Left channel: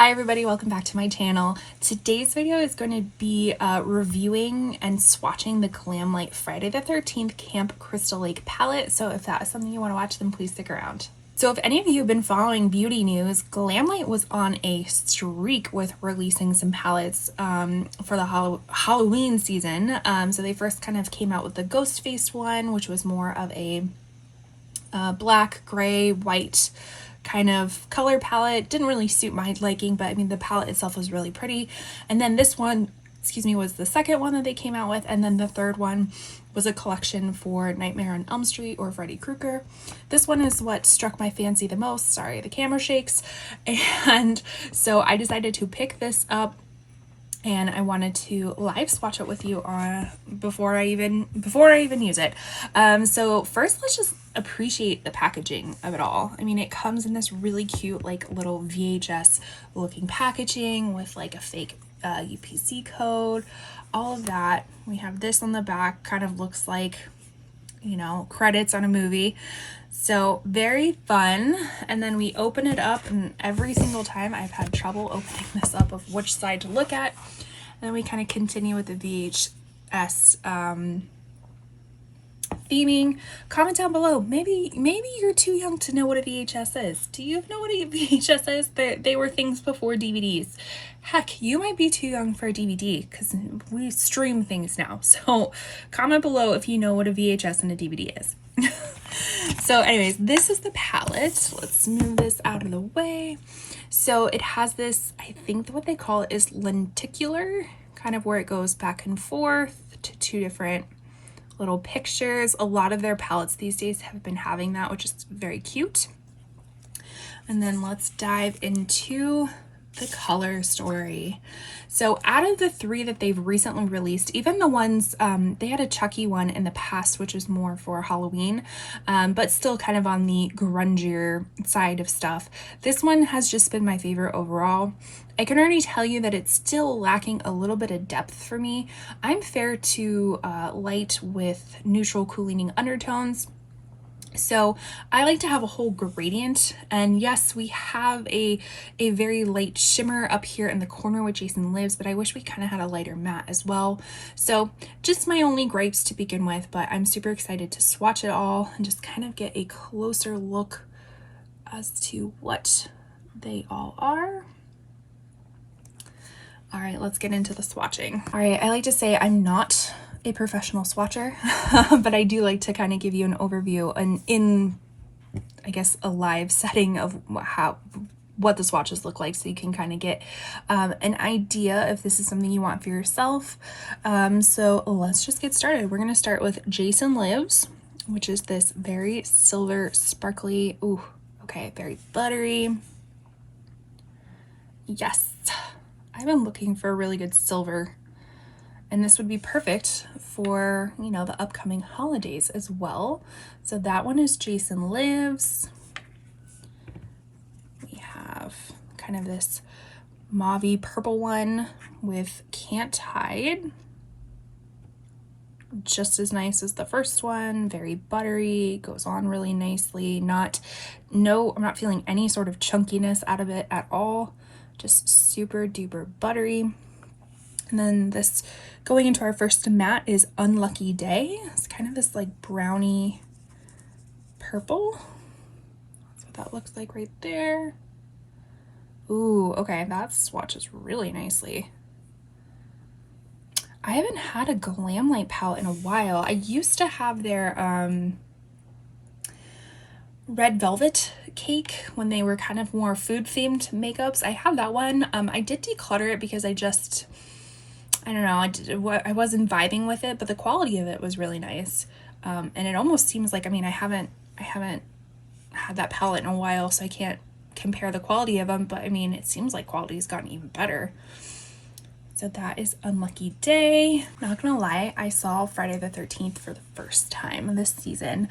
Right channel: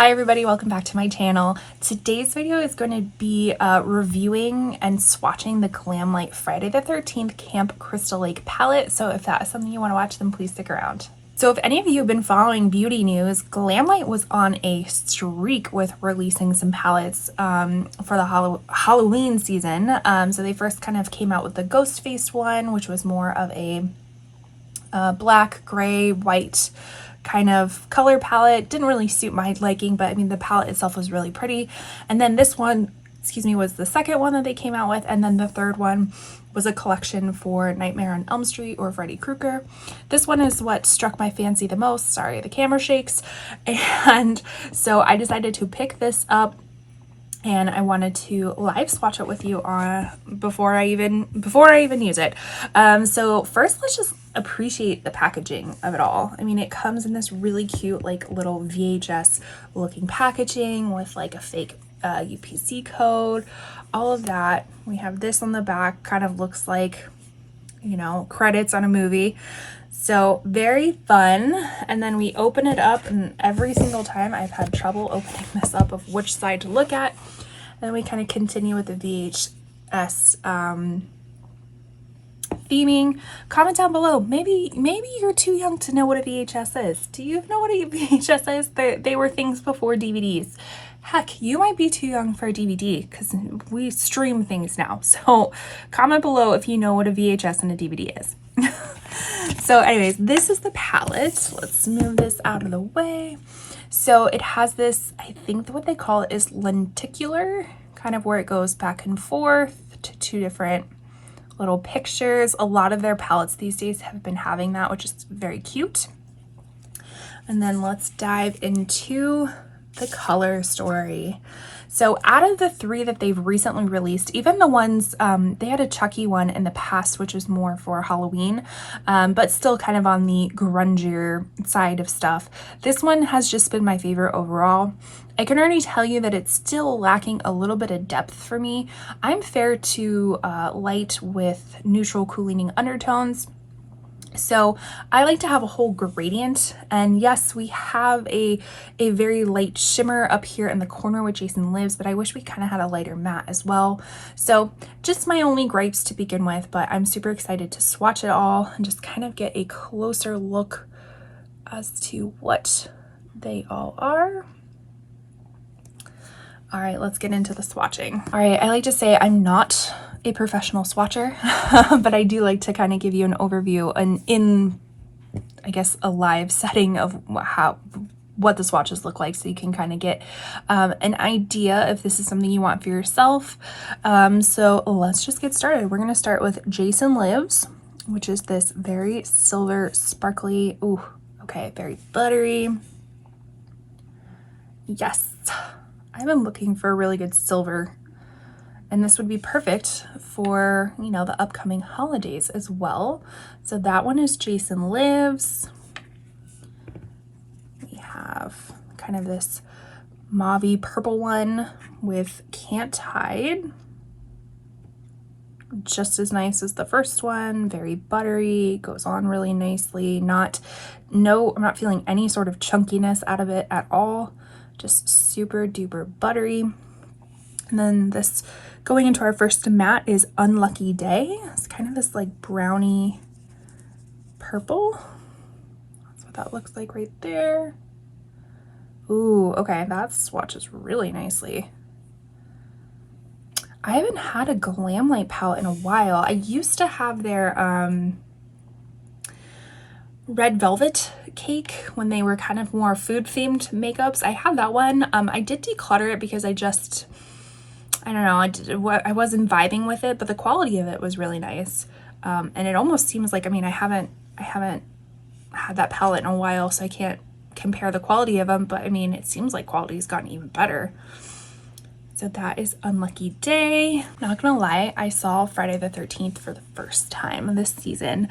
Hi everybody, welcome back to my channel. Today's video is going to be reviewing and swatching the Glamlite Friday the 13th Camp Crystal Lake palette. So if that is something you want to watch, then please stick around. So if any of you have been following beauty news, Glamlite was on a streak with releasing some palettes for the Halloween season. So they first kind of came out with the Ghost Face one, which was more of a black, gray, white kind of color palette. Didn't really suit my liking, but I mean the palette itself was really pretty. And then this one, was the second one that they came out with, and then the third one was a collection for Nightmare on Elm Street or Freddy Krueger. This one is what struck my fancy the most. Sorry, the camera shakes. And so I decided to pick this up, and I wanted to live swatch it with you before I even use it. So first, let's just appreciate the packaging of it all. I mean, it comes in this really cute, like, little VHS looking packaging with like a fake UPC code, all of that. We have this on the back, kind of looks like, you know, credits on a movie. So very fun. And then we open it up, and every single time I've had trouble opening this up of which side to look at. And then we kind of continue with the VHS theming. Comment down below. Maybe you're too young to know what a VHS is. Do you know what a VHS is? They were things before DVDs. Heck, you might be too young for a DVD because we stream things now. So comment below if you know what a VHS and a DVD is. So anyways, this is the palette. Let's move this out of the way. So it has this, I think what they call it is lenticular, kind of where it goes back and forth to two different little pictures. A lot of their palettes these days have been having that, which is very cute. And then let's dive into the color story. So out of the three that they've recently released, even the ones, they had a Chucky one in the past, which was more for Halloween, but still kind of on the grungier side of stuff. This one has just been my favorite overall. I can already tell you that it's still lacking a little bit of depth for me. I'm fair to light with neutral cooling undertones. So I like to have a whole gradient, and yes, we have a very light shimmer up here in the corner where Jason lives, but I wish we kind of had a lighter matte as well. So just my only gripes to begin with, but I'm super excited to swatch it all and just kind of get a closer look as to what they all are. All right, let's get into the swatching. All right, I like to say I'm not a professional swatcher, but I do like to kind of give you an overview and in, I guess, a live setting of what the swatches look like, so you can kind of get an idea if this is something you want for yourself. So let's just get started. We're gonna start with Jason Lives, which is this very silver, sparkly, ooh, okay, very buttery. Yes, I've been looking for a really good silver, and this would be perfect for, you know, the upcoming holidays as well. So that one is Jason Lives. We have kind of this mauve-y purple one with Can't Hide. Just as nice as the first one, very buttery, goes on really nicely. I'm not feeling any sort of chunkiness out of it at all. Just super duper buttery. And then this, going into our first matte, is Unlucky Day. It's kind of this like browny purple. That's what that looks like right there. Ooh, okay, that swatches really nicely. I haven't had a Glamlite palette in a while. I used to have their Red Velvet Cake when they were kind of more food themed makeups. I have that one. I did declutter it because I don't know, I wasn't vibing with it, but the quality of it was really nice. And it almost seems like, I mean, I haven't had that palette in a while, so I can't compare the quality of them, but I mean, it seems like quality's gotten even better. So that is Unlucky Day. Not gonna lie, I saw Friday the 13th for the first time this season.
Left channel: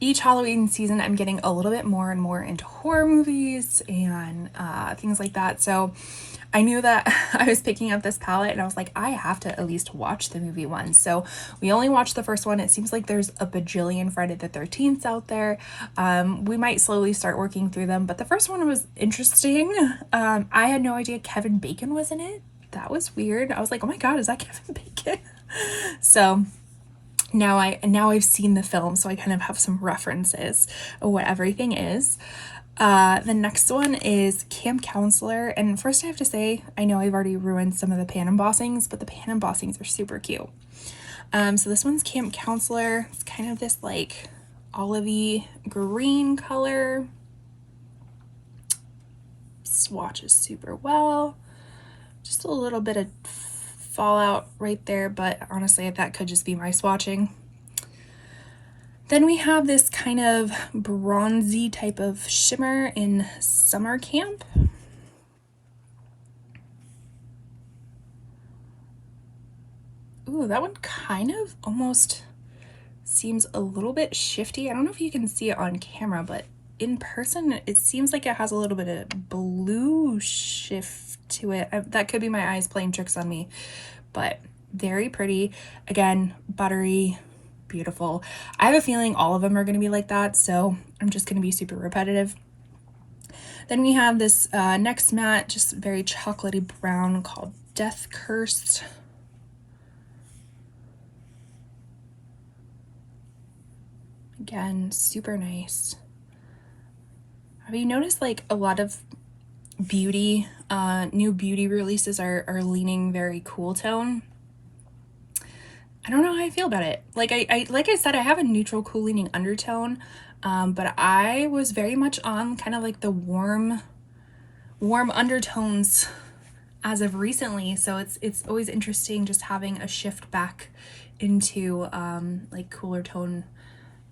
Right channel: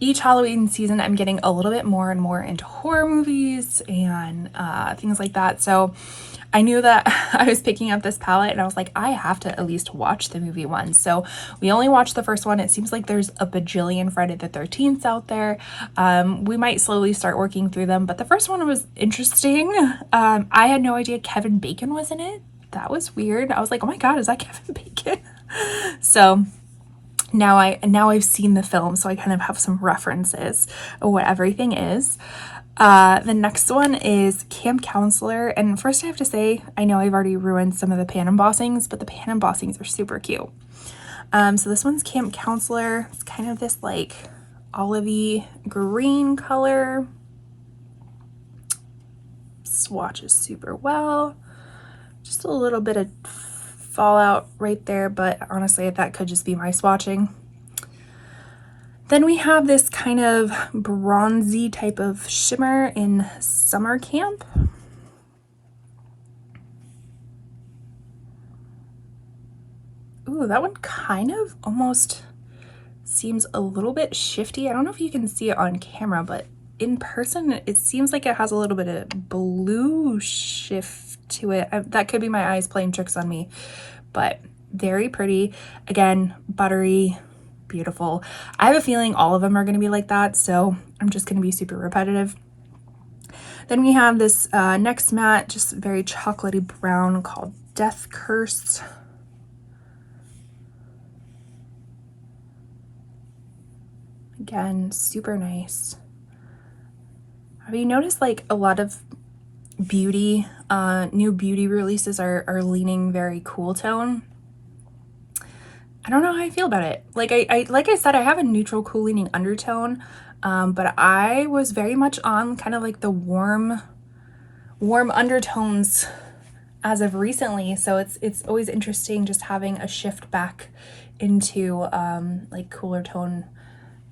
Each Halloween season, I'm getting a little bit more and more into horror movies and things like that. So I knew that I was picking up this palette and I was like, I have to at least watch the movie one. So we only watched the first one. It seems like there's a bajillion Friday the 13th out there. We might slowly start working through them, but the first one was interesting. I had no idea Kevin Bacon was in it. That was weird. I was like, oh my God, is that Kevin Bacon? So now I've seen the film, so I kind of have some references of what everything is. The next one is Camp Counselor, and first I have to say, I know I've already ruined some of the pan embossings, but the pan embossings are super cute. So this one's Camp Counselor. It's kind of this like olivey green color. Swatches super well. Just a little bit of fallout right there, but honestly that could just be my swatching. Then we have this kind of bronzy type of shimmer in Summer Camp. Ooh, that one kind of almost seems a little bit shifty. I don't know if you can see it on camera, but in person it seems like it has a little bit of blue shift to it. That could be my eyes playing tricks on me, but very pretty. Again, buttery, beautiful. I have a feeling all of them are going to be like that, so I'm just going to be super repetitive. Then we have this next matte, just very chocolatey brown, called Death Curse. Again, super nice. Have you noticed like a lot of beauty, new beauty releases are leaning very cool tone? I don't know how I feel about it. Like I said, I have a neutral cool leaning undertone, but I was very much on kind of like the warm undertones as of recently. So it's always interesting just having a shift back into like cooler tone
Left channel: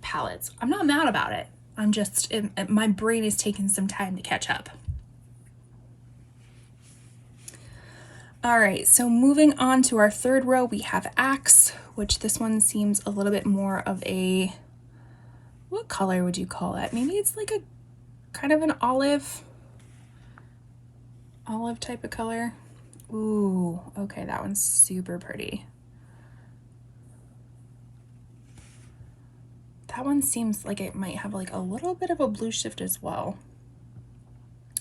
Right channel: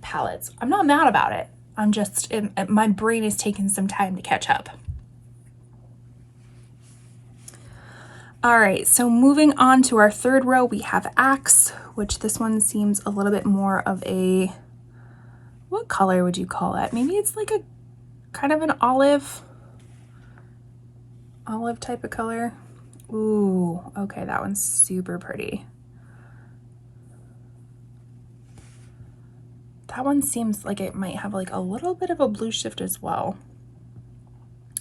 palettes. I'm not mad about it. I'm just, my brain is taking some time to catch up. All right, so moving on to our third row, we have Axe, which this one seems a little bit more of a, what color would you call it? Maybe it's like a kind of an olive type of color. Ooh, okay, that one's super pretty. That one seems like it might have like a little bit of a blue shift as well,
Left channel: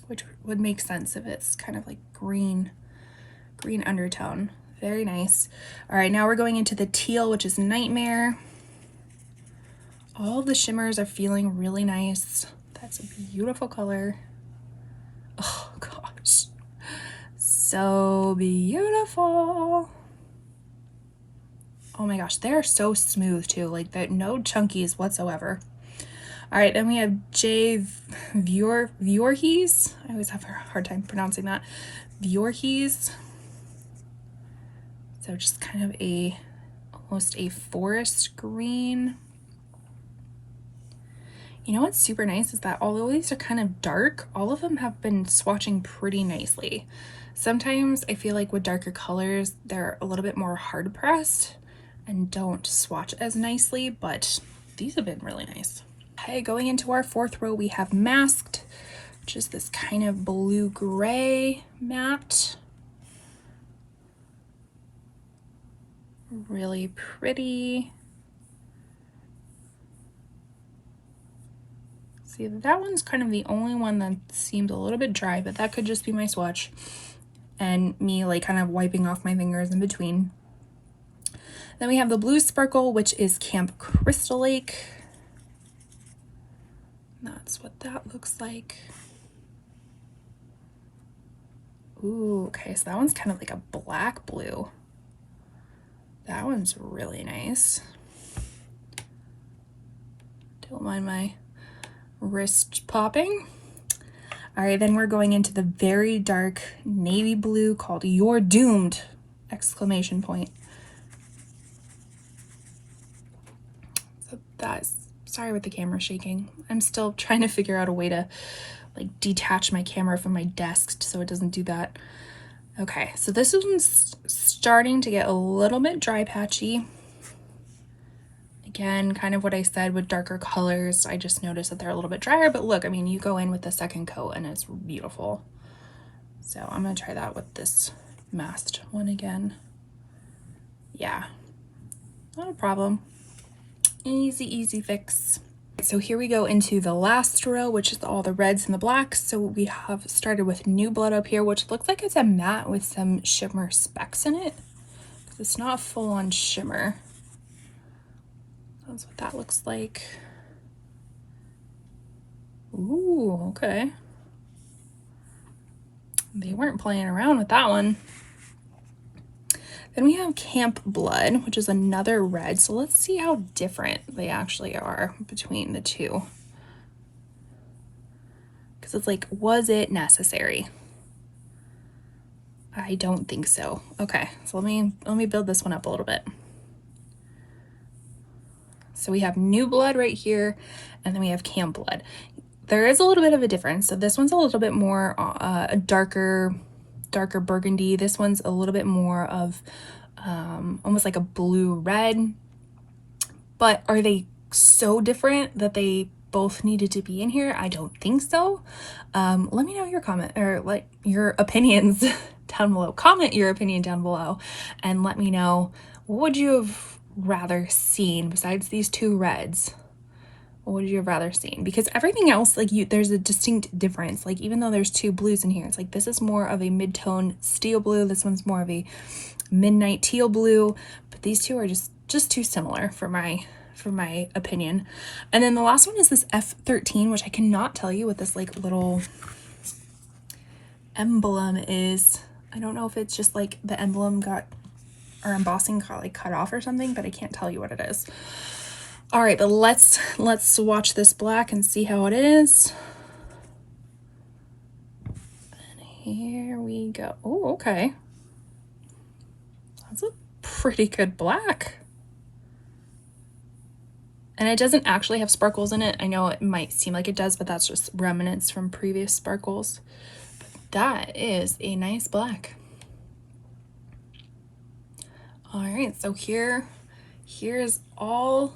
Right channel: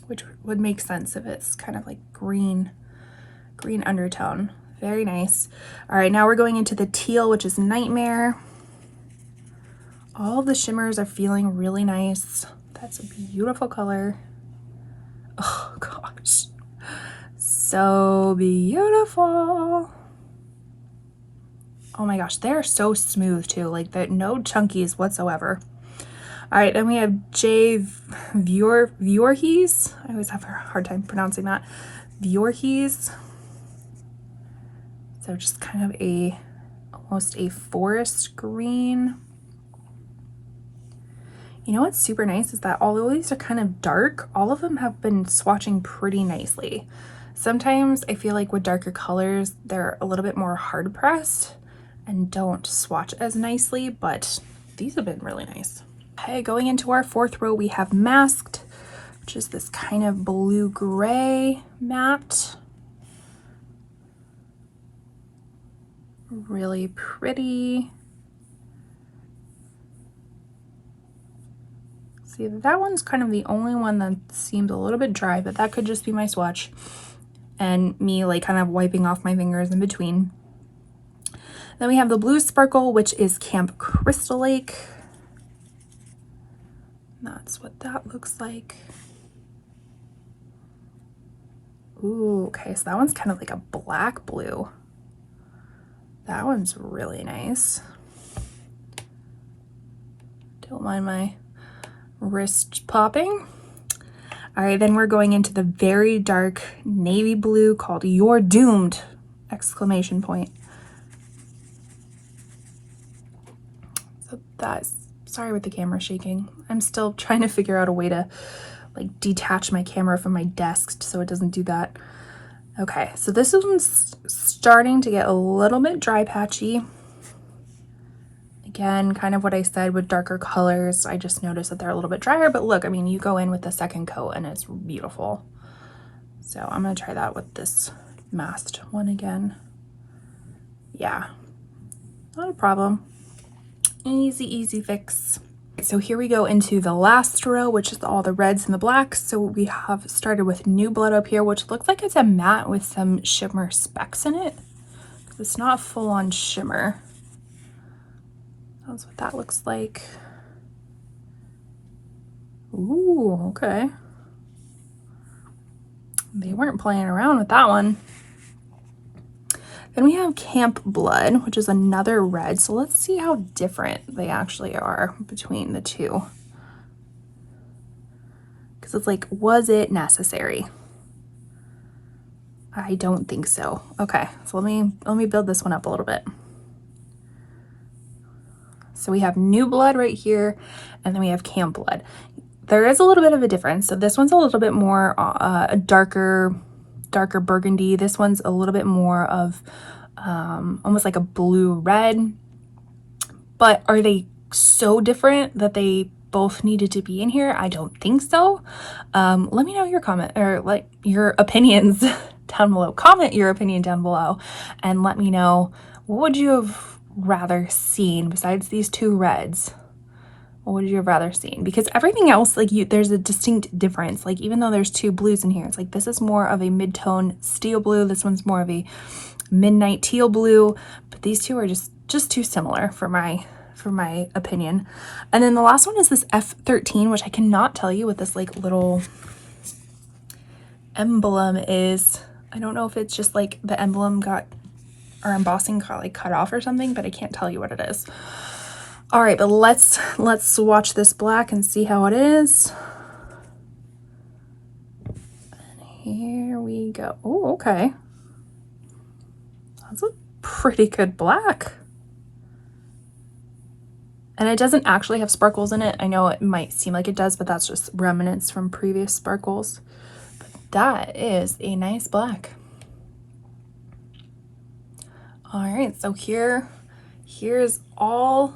which would make sense if it's kind of like green undertone. Very nice. All right, now we're going into the teal, which is Nightmare. All of the shimmers are feeling really nice. That's a beautiful color. Oh gosh, so beautiful. Oh my gosh, they're so smooth too, like no chunkies whatsoever. All right, then we have Voorhees. I always have a hard time pronouncing that. Voorhees. So just kind of almost a forest green. You know what's super nice is that although these are kind of dark, all of them have been swatching pretty nicely. Sometimes I feel like with darker colors, they're a little bit more hard pressed and don't swatch as nicely, but these have been really nice. Okay, going into our fourth row, we have Masked, which is this kind of blue-gray matte. Really pretty. See, that one's kind of the only one that seems a little bit dry, but that could just be my swatch and me like kind of wiping off my fingers in between. Then we have the Blue Sparkle, which is Camp Crystal Lake. That's what that looks like. Ooh, okay, so that one's kind of like a black blue. That one's really nice. Don't mind my wrist popping. All right, then we're going into the very dark navy blue called You're Doomed! Exclamation point. So that's, sorry with the camera shaking. I'm still trying to figure out a way to like detach my camera from my desk so it doesn't do that. Okay, so this one's starting to get a little bit dry patchy. Again, kind of what I said with darker colors, I just noticed that they're a little bit drier, but look, I mean, you go in with the second coat and it's beautiful. So I'm gonna try that with this masked one again. Yeah, not a problem. Easy, easy fix. So here we go into the last row, which is all the reds and the blacks. So we have started with New Blood up here, which looks like it's a matte with some shimmer specks in it. It's not full on shimmer. That's what that looks like. Ooh, okay. They weren't playing around with that one. Then we have Camp Blood, which is another red. So let's see how different they actually are between the two. Because it's like, was it necessary? I don't think so. Okay, so let me build this one up a little bit. So we have New Blood right here, and then we have Camp Blood. There is a little bit of a difference. So this one's a little bit more a darker burgundy. This one's a little bit more of almost like a blue red. But are they so different that they both needed to be in here? I don't think so. Let me know your comment, or like your opinions down below. Comment your opinion down below and let me know, what would you have rather seen besides these two reds? What would you have rather seen? Because everything else, like there's a distinct difference. Like even though there's two blues in here, it's like this is more of a mid-tone steel blue. This one's more of a midnight teal blue. But these two are just too similar for my opinion. And then the last one is this F13, which I cannot tell you what this like little emblem is. I don't know if it's just like the emblem got, or embossing got like cut off or something, but I can't tell you what it is. All right, but let's swatch this black and see how it is. And here we go. Oh, okay. That's a pretty good black. And it doesn't actually have sparkles in it. I know it might seem like it does, but that's just remnants from previous sparkles. But that is a nice black. All right, so here's all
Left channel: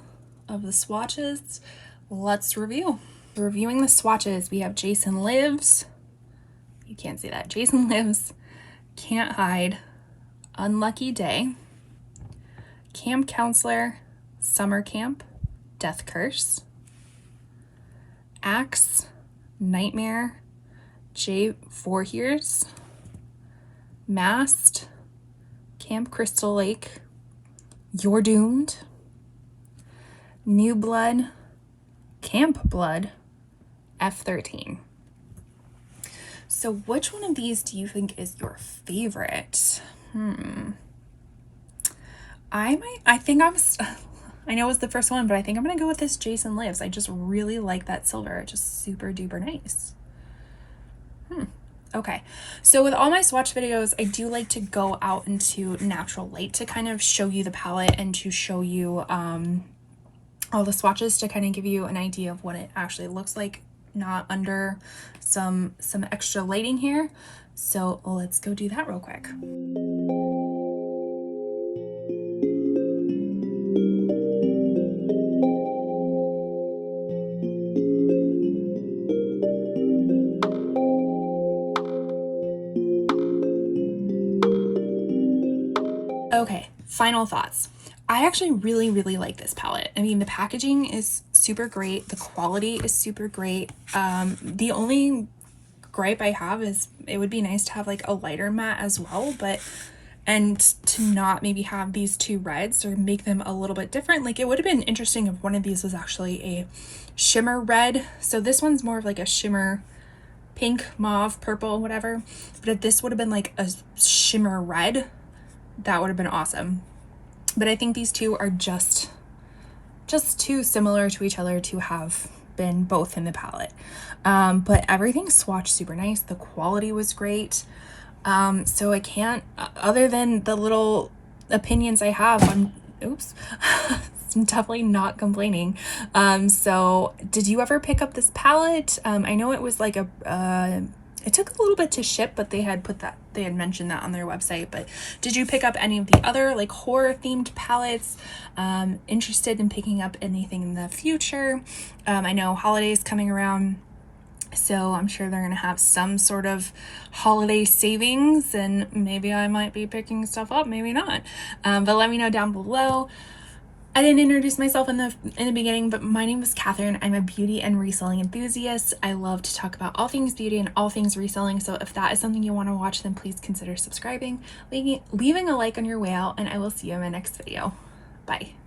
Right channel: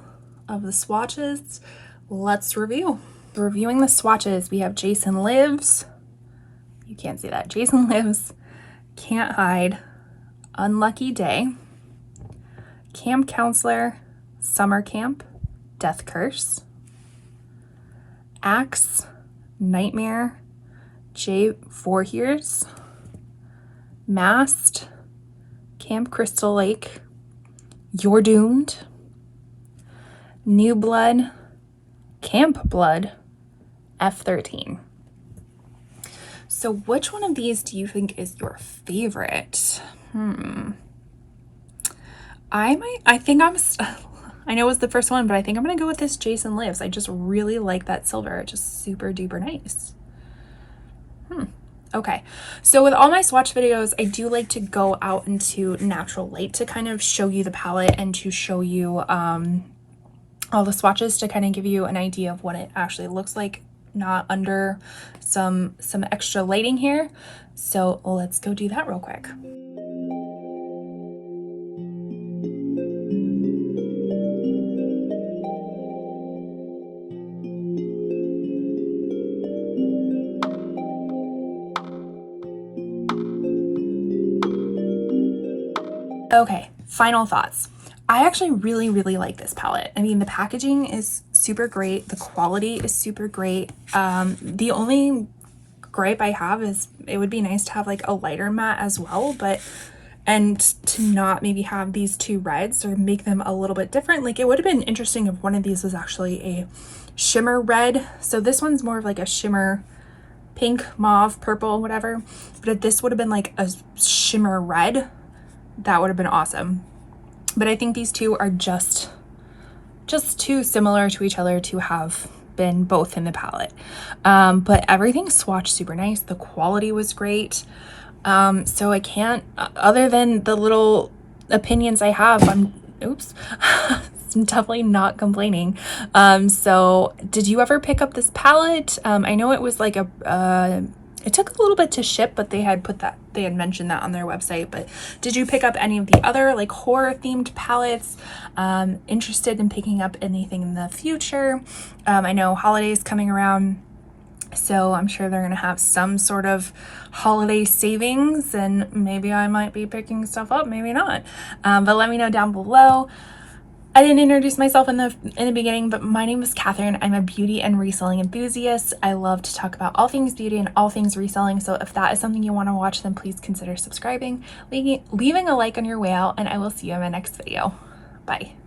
of the swatches. Let's review. Reviewing the swatches, we have Jason Lives. You can't see that. Jason Lives, Can't Hide, Unlucky Day, Camp Counselor, Summer Camp, Death Curse, Axe, Nightmare, J. Voorheers, Mast, Camp Crystal Lake, You're Doomed, New Blood, Camp Blood, F13. So which one of these do you think is your favorite? I know it was the first one, but I think I'm gonna go with this Jason Lives. I just really like that silver, just super duper nice. Okay, so with all my swatch videos, I do like to go out into natural light to kind of show you the palette and to show you all the swatches to kind of give you an idea of what it actually looks like, not under some extra lighting here. So let's go do that real quick. Okay, final thoughts. I actually really, really like this palette. I mean, the packaging is super great. The quality is super great. The only gripe I have is it would be nice to have like a lighter matte as well, and to not maybe have these two reds or make them a little bit different. Like it would have been interesting if one of these was actually a shimmer red. So this one's more of like a shimmer pink, mauve, purple, whatever. But if this would have been like a shimmer red, that would have been awesome. But I think these two are just too similar to each other to have been both in the palette. But everything swatched super nice. The quality was great. So I can't, other than the little opinions I have, I'm definitely not complaining. So did you ever pick up this palette? I know it was like it took a little bit to ship, but they had mentioned that on their website. But did you pick up any of the other like horror themed palettes? Interested in picking up anything in the future? I know holidays coming around, So I'm sure they're going to have some sort of holiday savings, and maybe I might be picking stuff up, maybe not. But let me know down below. I didn't introduce myself in the beginning, but my name is Catherine. I'm a beauty and reselling enthusiast. I love to talk about all things beauty and all things reselling. So if that is something you want to watch, then please consider subscribing, leaving a like on your way out, and I will see you in my next video. Bye.